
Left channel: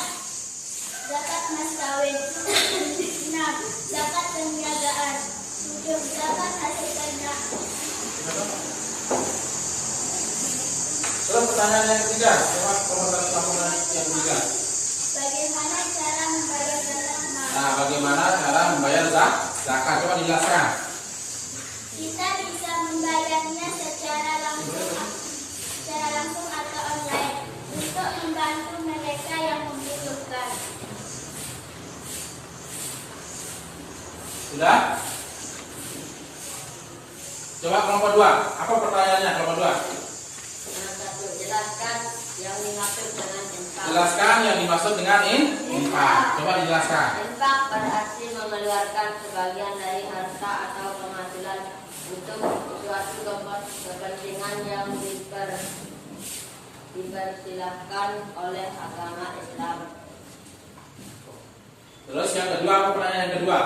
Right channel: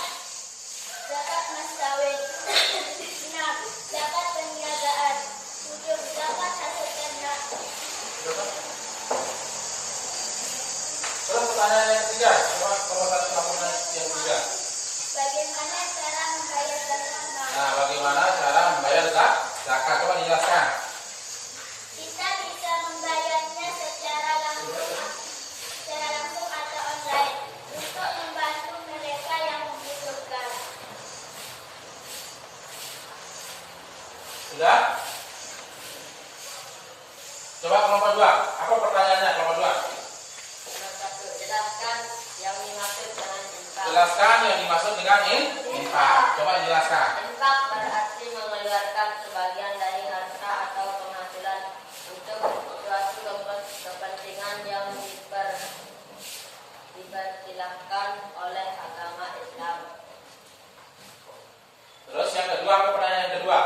mas kawin. 6. Zakat perniagaan. 7. Zakat hasil ternak. Terus pertanyaan yang ketiga. Coba kelompok satu lakukan yang ketiga. Bagaimana cara membayar zakat mal? Nah, bagaimana cara membayar zakat? Coba dijelaskan. Kita bisa membayarnya secara langsung atau online untuk membantu mereka yang membutuhkan. Sudah? Coba kelompok dua. Apa pertanyaannya kelompok dua? Nomor 1. Jelaskan yang dimaksud dengan infak. Jelaskan yang dimaksud dengan infak. Coba dijelaskan. Infak berarti mengeluarkan sebagian dari harta atau penghasilan untuk suatu kepentingan yang dipersilahkan oleh agama Islam. Terus yang kedua, apa pertanyaan yang kedua?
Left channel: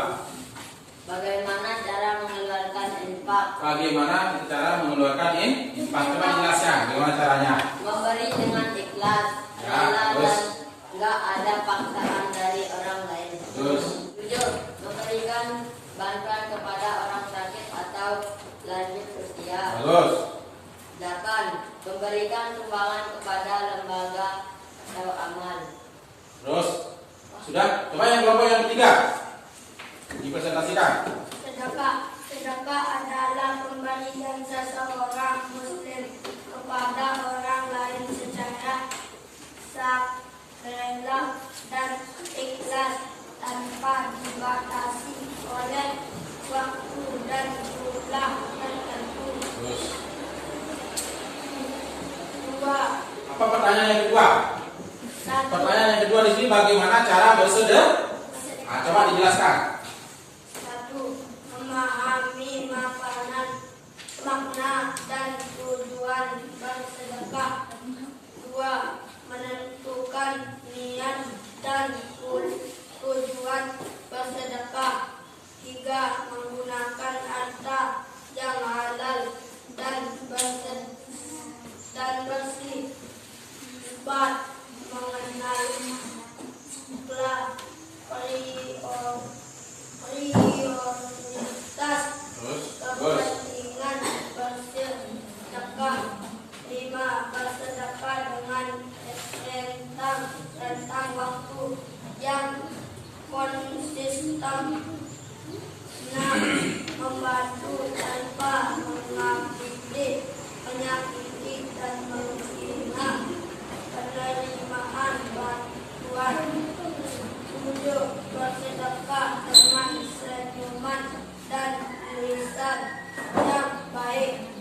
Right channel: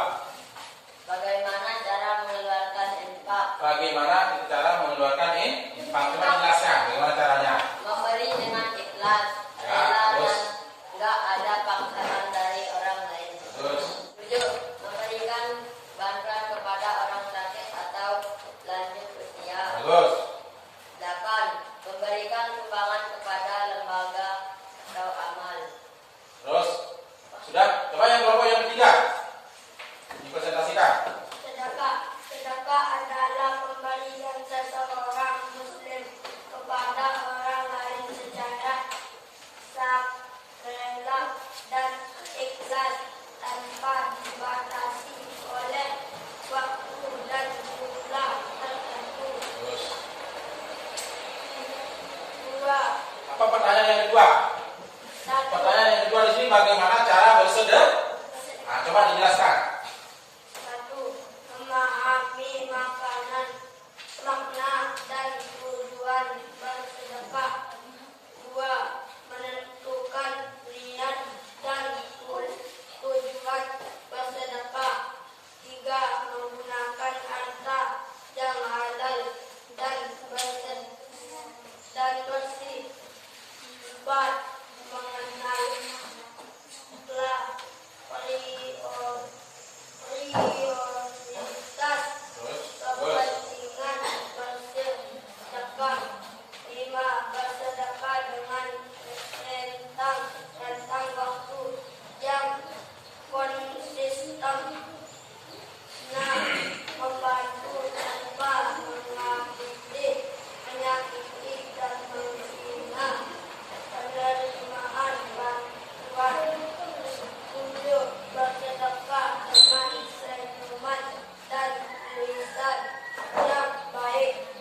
Bagaimana cara mengeluarkan infak? Bagaimana cara mengeluarkan infak? Coba jelaskan bagaimana caranya. Memberi dengan ikhlas, Ya, rela terus? dan enggak ada paksaan dari orang lain. Terus? 7. Memberikan bantuan kepada orang sakit atau lanjut usia. Bagus. 8. Memberikan sumbangan kepada lembaga atau amal. Terus? Sudah? Coba yang kelompok yang ketiga. Dipresentasikan. Sedekah adalah pemberian seseorang muslim kepada orang lain secara sukarela dan ikhlas tanpa dibatasi oleh waktu dan jumlah tertentu. Terus? 2. Apa pertanyaan yang kedua? Pertanyaan yang kedua di sini bagaimana cara bersedekah? Nah, coba dijelaskan. 1. Memahami makna dan tujuan bersedekah. 2. Menentukan niat dan tujuan bersedekah. 3. Menggunakan harta yang halal dan bersih. 4. Mengenali prioritas kepentingan bersedekah. 5. Bersedekah dengan tentang waktu yang konsisten, membantu tanpa menyakiti dan menghina, penerimaan bantuan, 7. Bersedekah dengan senyuman dan lisan yang baik.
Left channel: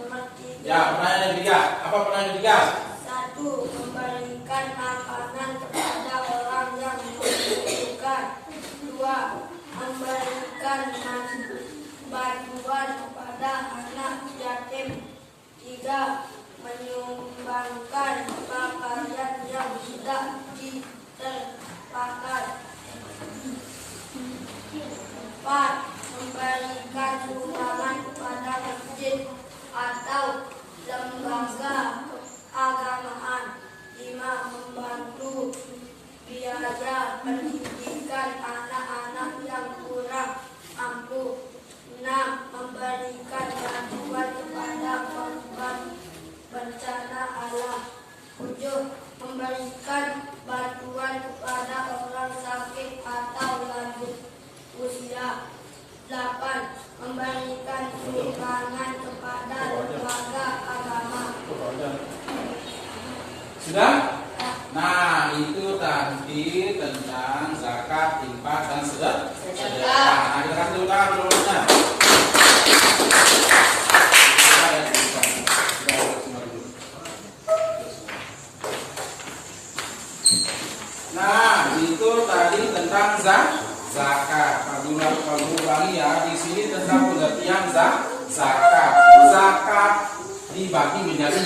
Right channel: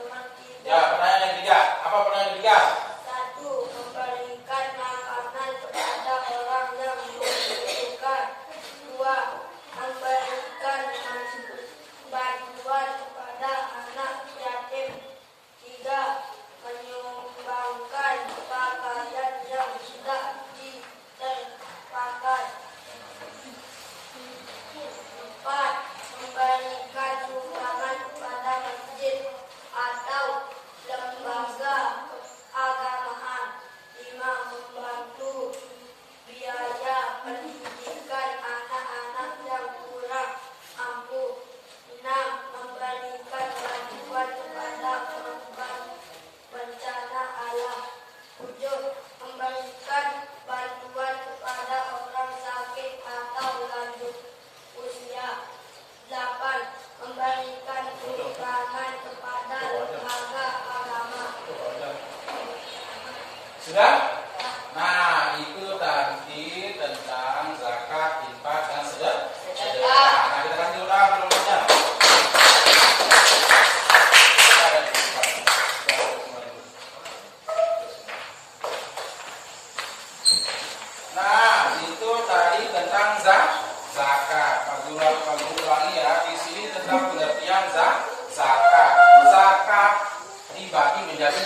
Nomor 3. Ya, pertanyaan yang ketiga. Apa pertanyaan yang ketiga? 1. Memberikan makanan kepada orang yang membutuhkan. 2. Memberikan bantuan kepada anak yatim. 3. Menyumbangkan pakaian yang tidak terpakai. 4. Memberikan sumbangan kepada masjid atau lembaga keagamaan. 5. Membantu biaya pendidikan anak-anak yang kurang mampu. 6. Memberikan bantuan kepada korban bencana alam. 7. Memberikan bantuan kepada orang sakit atau lanjut usia. 8. Memberikan sumbangan kepada lembaga agama. Sudah? Nah, itu tadi tentang zakat, infak, dan sedekah. Nah, kita dulu tangan Nah, itu tadi tentang zakat. Pak Guru ulangi ya, di sini tentang pengertian zakat. Zakat dibagi menjadi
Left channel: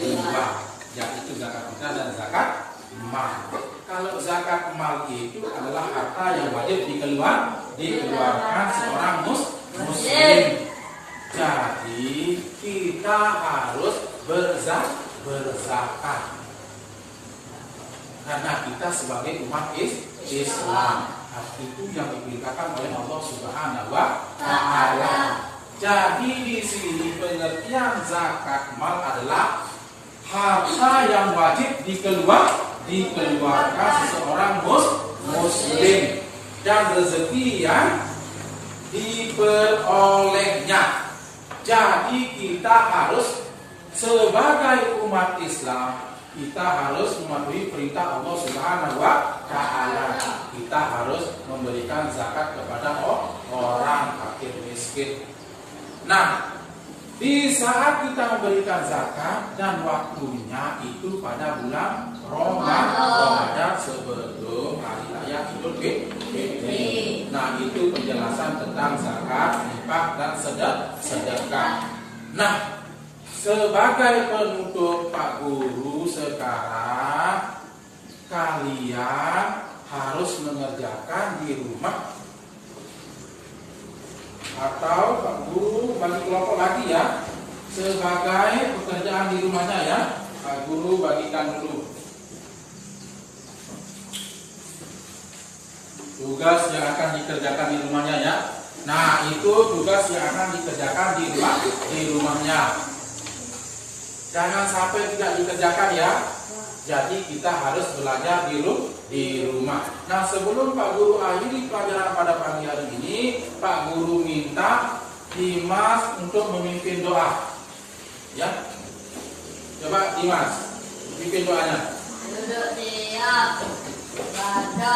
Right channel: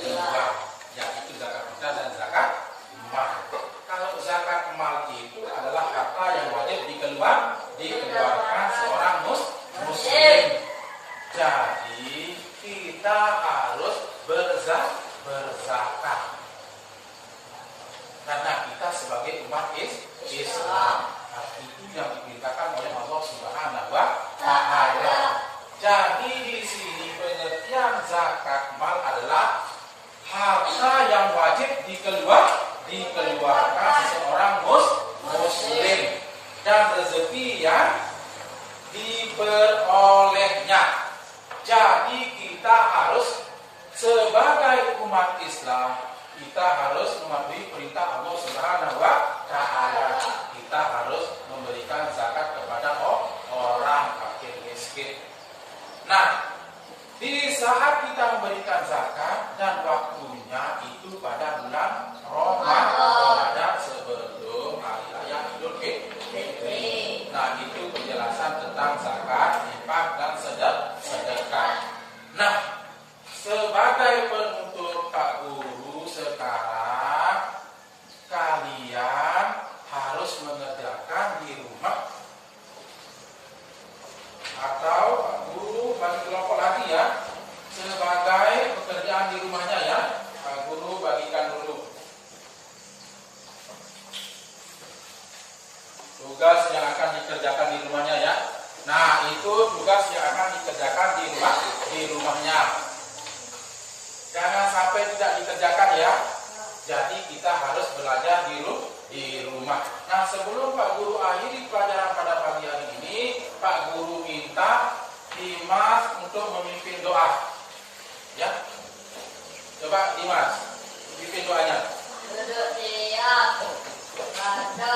dua, yaitu zakat fitrah dan zakat mal. Kalau zakat mal itu adalah harta yang wajib dikeluarkan seorang muslim. Jadi kita harus berzakat. Karena kita sebagai umat Islam, itu yang diperintahkan oleh Allah Subhanahu wa Ta'ala. Jadi di sini pengertian zakat mal adalah harta yang wajib dikeluarkan seseorang muslim dan rezeki yang diperolehnya. Jadi kita harus sebagai umat Islam, kita harus mematuhi perintah Allah Subhanahu wa Ta'ala. Kita harus memberikan zakat kepada orang fakir miskin. Nah, di saat kita memberikan zakat dan waktunya itu pada bulan Ramadan sebelum hari raya Idul Fitri. Nah, itu penjelasan tentang zakat, infak, dan sedekah. Nah, sebagai penutup Pak Guru, sekarang kalian harus mengerjakan di rumah, atau Pak Guru bagi kelompok lagi ya, sebagai pekerjaan di rumahnya ya. Pak Guru bagikan dulu tugas yang akan dikerjakan di rumahnya ya. Nah, itu tugas yang akan dikerjakan di rumahnya. Jangan sampai tidak dikerjakan ya. Jadi kita harus belajar di rumah. Nah, sebelum Pak Guru akhiri pelajaran pada pagi hari ini, Pak Guru minta Dimas untuk memimpin doa. Ya. Coba Dimas, pimpin doanya. Duduk siap. Baca